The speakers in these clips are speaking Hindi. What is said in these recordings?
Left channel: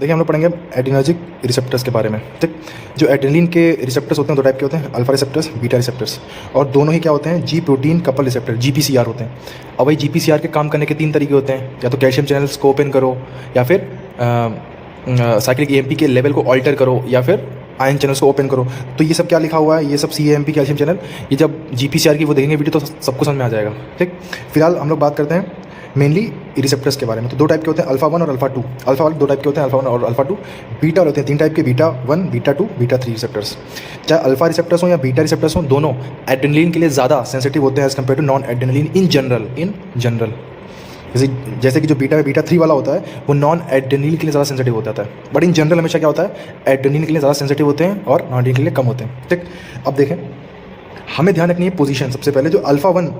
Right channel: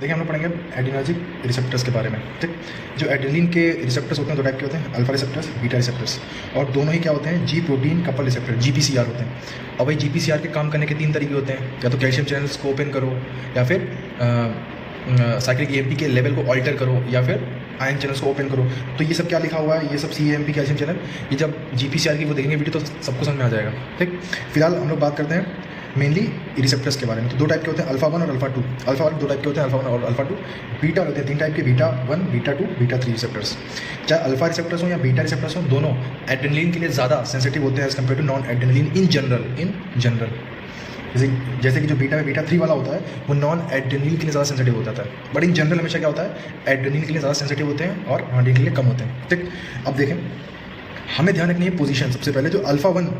देखिए हम लोग पढ़ेंगे एड्रेनर्जिक रिसेप्टर्स के बारे में। ठीक, जो एड्रेनलिन के रिसेप्टर्स होते हैं दो टाइप के होते हैं, अल्फा रिसेप्टर्स, बीटा रिसेप्टर्स, और दोनों ही क्या होते हैं, जी प्रोटीन कपल रिसेप्टर, जीपीसीआर होते हैं। और वही जीपीसीआर के काम करने के तीन तरीके होते हैं, या तो कैल्शियम चैनल्स को ओपन करो, या फिर साइक्लिक ईएमपी के लेवल को ऑल्टर करो, या फिर आयन चैनल्स को ओपन करो। तो ये सब क्या लिखा हुआ है, ये सब सीएमपी कैल्शियम चैनल, ये जब जीपीसीआर की वो देखेंगे वीडियो तो सबको समझ में आ जाएगा। ठीक, फिलहाल हम लोग बात करते हैं मेनली रिसेप्टर्स के बारे में। तो दो टाइप के होते हैं, अल्फा 1 और अल्फा 2। अल्फा वाले दो टाइप के होते हैं, अल्फा 1 और अल्फा 2। बीटा वाले होते हैं तीन टाइप के, बीटा 1, बीटा 2, बीटा 3 रिसेप्टर्स। चाहे अल्फा रिसेप्टर्स हो या बीटा रिसेप्टर्स हो, दोनों एड्रेनलिन के लिए ज़्यादा सेंसिटिव होते हैं as compared to non adrenaline in general. जैसे कि जो बीटा 3 वाला होता है वो नॉन एड्रेनलिन के लिए ज़्यादा सेंसिटिव हो जाता है, बट इन जनरल हमेशा क्या होता है, एड्रेनलिन के लिए ज़्यादा सेंसिटिव होते हैं और नॉन एड्रेनलिन के लिए कम होते हैं। ठीक, अब देखें, हमें ध्यान रखनी है पोजीशन। सबसे पहले जो अल्फा 1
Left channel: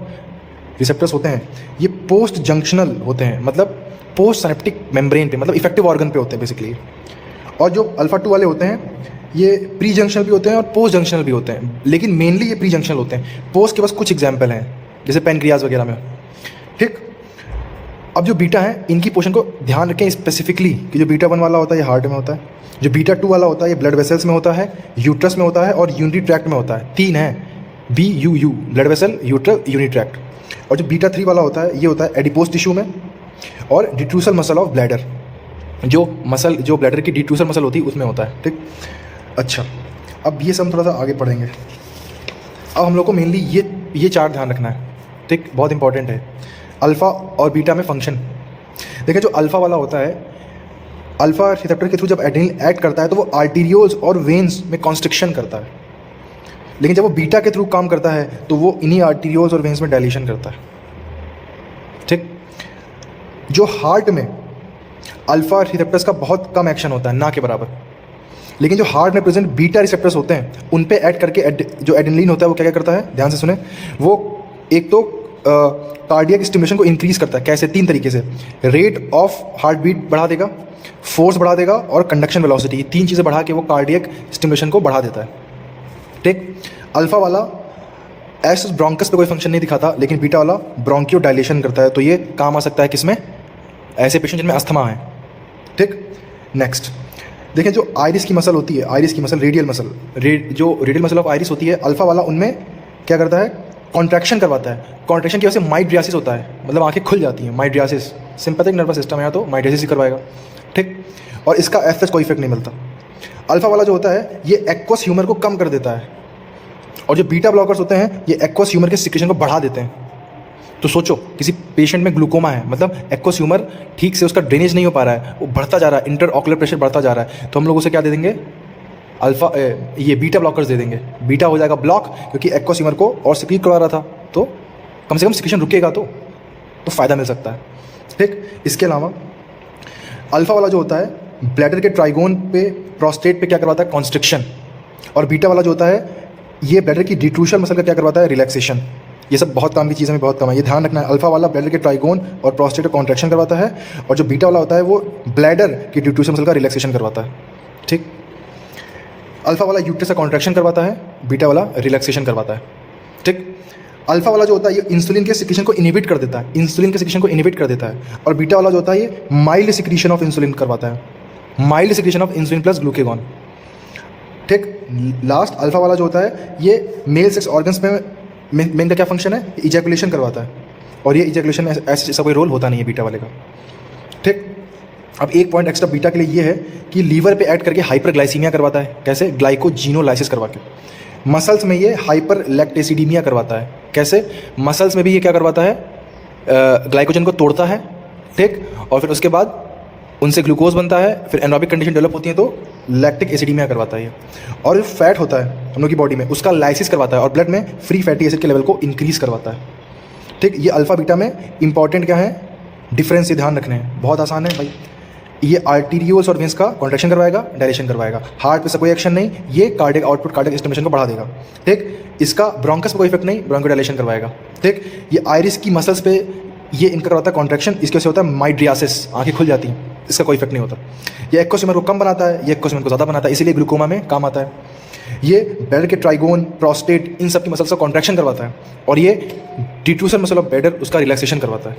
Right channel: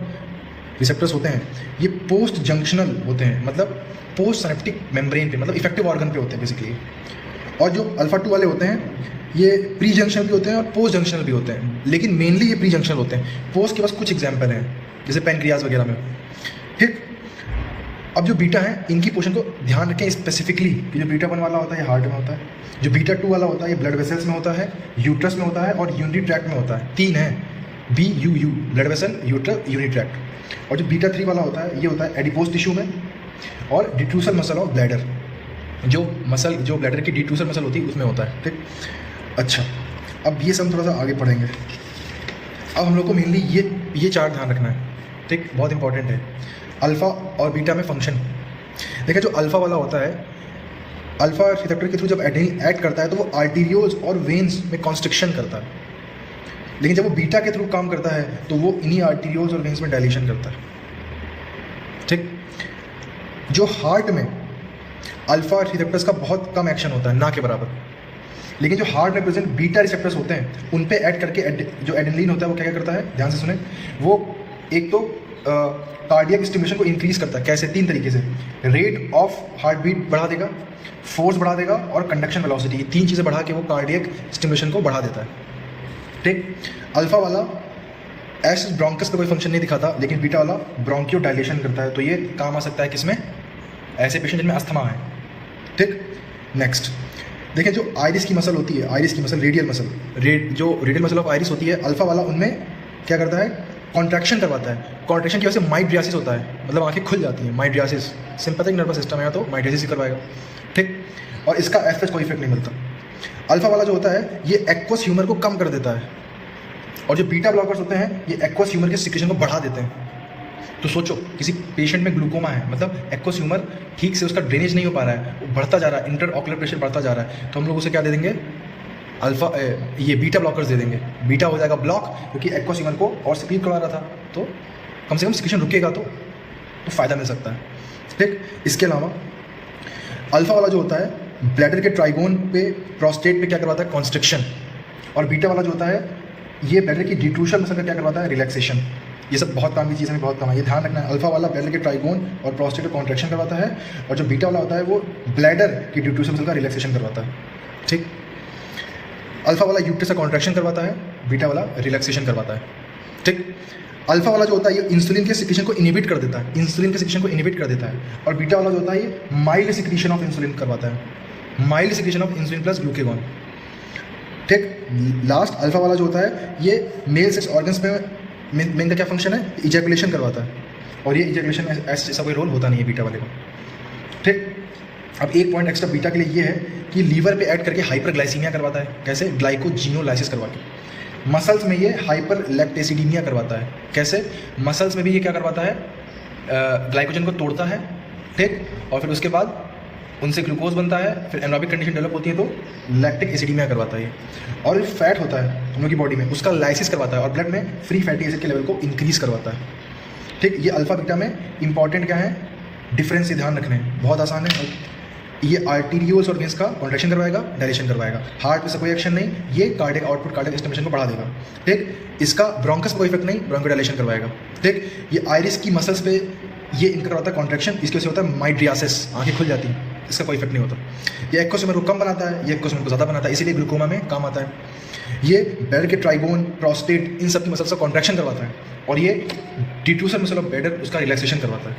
रिसेप्टर्स होते हैं ये पोस्ट जंक्शनल होते हैं, मतलब पोस्ट सिनेप्टिक मेम्ब्रेन पे, मतलब इफेक्टिव ऑर्गन पे होते हैं बेसिकली। और जो अल्फा 2 वाले होते हैं ये प्री जंक्शनल भी होते हैं और पोस्ट जंक्शनल भी होते हैं, लेकिन मेनली ये प्री जंक्शनल होते हैं। पोस्ट के पास कुछ एग्जाम्पल हैं जैसे पैनक्रियाज वगैरह में। ठीक, अब जो बीटा है इनकी पोर्शन को ध्यान रखें स्पेसिफिकली कि जो बीटा 1 वाला होता है ये हार्ट में होता है, जो बीटा 2 वाला होता है ये ब्लड वेसल्स में होता है, यूट्रस में होता है और यूरिनरी ट्रैक्ट में होता है। तीन है, BUU, blood vessel, uterus, urinary tract. और जो बीटा 3 वाला होता है ये होता है एडिपोज टिश्यू में और डिट्रूसल मसल ऑफ ब्लैडर, जो ब्लैडर की डिट्रूसल मसल होती है उसमें होता है। ठीक, अच्छा, अब ये सब थोड़ा सा आगे पढ़ेंगे। अब हम लोग को मेनली ये चार ध्यान रखना है। ठीक, बहुत इंपॉर्टेंट है। अल्फ़ा और बीटा में फंक्शन देखिए, जो अल्फ़ा वाला होता है, अल्फ़ा रिसेप्टर के थ्रू जब एड्रेनलिन एक्ट करता है तो वो आर्टीरियोल्स और वेन्स में कॉन्स्ट्रिक्शन करता है, लेकिन जब वो बीटा के थ्रू काम करता है तो वो इन्हीं आर्टीरियोल्स और वेन्स में डायलेशन करता है। ठीक, जो हार्ट में अल्फ़ा रिसेप्टर्स का बहुत कम एक्शन होता है, ना के बराबर, लेकिन जो हार्ट में प्रेजेंट बीटा रिसेप्टर्स होते हैं उन पे एक्ट करके जो एड्रेनलिन होता है वो क्या क्या करता है, ध्यान से सुने। वो एक तो कार्डियक स्टिमुलेशन को इंक्रीज करता है। कैसे? तीन तरीके से। रेट ऑफ हार्ट बीट बढ़ा देगा, फोर्स बढ़ा देगा और कंडक्शन वेलोसिटी, तीन चीज़ें बढ़ा के वो कार्डियक स्टिमुलेशन को बढ़ा देता है। ठीक, अल्फा वाला एस ब्रोंकस पे कोई फंक्शन नहीं दिखाता, लेकिन बीटा वाला ब्रोंकियो डायलेशन करता है। तो ये काम आ सकता है किसमें, ऐसे पेशेंट जिनमें अस्थमा है। ठीक, नेक्स्ट देखें, जो आइरिस की मसल होती है, आइरिस की मसल, रेडियल मसल, जो रेडियल मसल ऑफ आइरिस होती है, अल्फा वाला उनमें क्या करता है, कॉन्ट्रैक्शन करवाता है। कॉन्ट्रैक्शन की वजह से माइड्रियासिस होता है, मतलब आंखें खुल जाती हैं। माइड्रियासिस सिंपैथिक नर्वस सिस्टम है तो माइड्रियासिस ही करवाएगा। ठीक, और इसका एफ कोई इफेक्ट नहीं मिलता। अल्फा वाला जो होता है ये एक्वस ह्यूमर को कम कर देता है, और जो बीटा ब्लॉकर्स होते हैं ये एक्वस ह्यूमर के सिक्रेशन को बढ़ा देते हैं। तो सोचो, किसी पेशेंट में ग्लूकोमा है, मतलब एक्वस ह्यूमर ठीक से उसका ड्रेनेज नहीं हो पा रहा है, वो बढ़ता जा रहा है, इंटर ऑकुलर प्रेशर बढ़ता जा रहा है, तो हम लोग उसे क्या दे देंगे, अल्फा ये बीटा ब्लॉकर्स दे देंगे। बीटा हो जाएगा ब्लॉक, क्योंकि एक्वस ह्यूमर को और सिक्रीट करवा रहा था, तो कम से कम सिक्रेशन रुकेगा तो फ़ायदा मिल सकता है। ठीक, इसके अलावा अल्फा वाला जो होता है ब्लैडर के ट्राइगोन पे, प्रोस्टेट पे क्या करवाता है, कॉन्स्ट्रिक्शन, और बीटा वाला जो होता है ये ब्लैडर की डिट्रूशन मसल का क्या करवाता है, रिलैक्सेशन। ये सब बहुत काम की चीज़ें में बहुत कम है, ये ध्यान रखना है। अल्फा वाला ब्लैडर के ट्राइगोन और प्रोस्टेट को कॉन्ट्रैक्शन करवाता है, और जो बीटा वाला होता है वो ब्लैडर की डिट्रूशन मसल का रिलैक्सेशन करवाता है। ठीक, अल्फा वाला यूट्रस का कॉन्ट्रैक्शन करवाता है, बीटा वाला रिलैक्सेशन करवाता है। ठीक, अल्फा वाला जो होता है ये इंसुलिन के सिक्रीशन को इनहिबिट कर देता है, इंसुलिन के सिक्रीशन को इनहिबिट कर देता है, और बीटा वाला जो होता है ये माइल्ड सिक्रीशन ऑफ इंसुलिन करवाता है, mild secretion of insulin plus glucagon. ठीक, लास्ट अल्फा वाला जो होता है ये मेल सेक्स ऑर्गन्स में मेन का क्या फंक्शन है, इजैकुलेशन करवाता है, और ये इजैकुलेशन में ऐसा कोई रोल होता नहीं है बीटा वाले का। ठीक, अब एक पॉइंट एक्स्ट्रा बीटा के लिए ये है कि लीवर पे ऐड करके हाइपरग्लाइसीमिया करवाता है। कैसे? ग्लाइकोजीनोलाइसिस करवा के। मसल्स में ये हाइपर लैक्टेसिडीमिया करवाता है। कैसे? मसल्स में भी ये क्या करवाता है, ग्लाइकोजन को तोड़ता है। ठीक, और फिर उसके बाद उनसे ग्लूकोज बनता है, फिर एनरोबिक कंडीशन डेवलप होती है तो लैक्टिक एसिडीमिया करवाता है। और जो फैट होता है हम लोग की बॉडी में उसका लाइसिस करवाता है, और ब्लड में फ्री फैटी एसिड के लेवल को इंक्रीज करवाता है। ठीक, ये अल्फा बीटा में इंपॉर्टेंट क्या है, डिफरेंस, ध्यान रखना है, बहुत आसान है भाई। ये आर्टीरियोल्स और वेन्स का कॉन्ट्रैक्शन करवाएगा, डायलेशन करवाएगा। हार्ट पे से कोई एक्शन नहीं, ये कार्डियक आउटपुट, कार्डियक स्टिमुलेशन को बढ़ा देगा। ठीक, इसका ब्रोंकस पे कोई इफेक्ट नहीं, ब्रोंको डायलेशन करवाएगा। ठीक, ये आइरिस की मसल्स पे ये इनका करवाता है कॉन्ट्रैक्शन, इसके वजह से होता है माइड्रियासिस, आंखें खुल जाती हैं, इसका कोई इफेक्ट नहीं होता। ये एक्वस ह्यूमर को कम बनाता है, ये एक्वस ह्यूमर को ज़्यादा बनाता है, इसीलिए ग्लूकोमा में काम आता है। ये ब्लैडर के ट्राइगोन, प्रोस्टेट, इन सब की मसल्स का कॉन्ट्रैक्शन करवाता है, और ये डिट्रूसन मसल ऑफ ब्लैडर उसका रिलैक्सेशन करवाता है।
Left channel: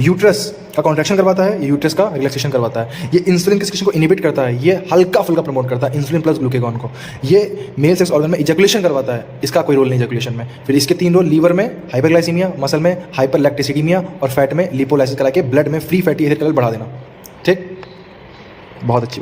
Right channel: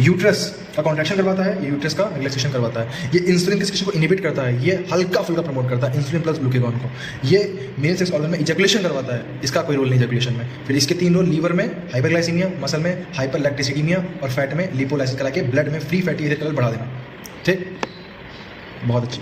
यूट्रस का कॉन्ट्रैक्शन करवाता है, यूट्रस का रिलैक्सेशन करवाता है। ये इंसुलिन के सिक्रेशन को इनिबिट करता है, ये हल्का फुल्का प्रमोट करता है इंसुलिन प्लस ग्लूकेगॉन को। ये मेल सेक्स ऑर्गन में इजैकुलेशन करवाता है, इसका कोई रोल नहीं इजैकुलेशन में। फिर इसके 3 रोल, लीवर में हाइपरग्लाइसीमिया, मसल में हाइपरलैक्टिसिडीमिया और फैट में लिपोलाइसिस करा के ब्लड में फ्री फैटी एसिड लेवल बढ़ा देना। ठीक, बहुत अच्छी।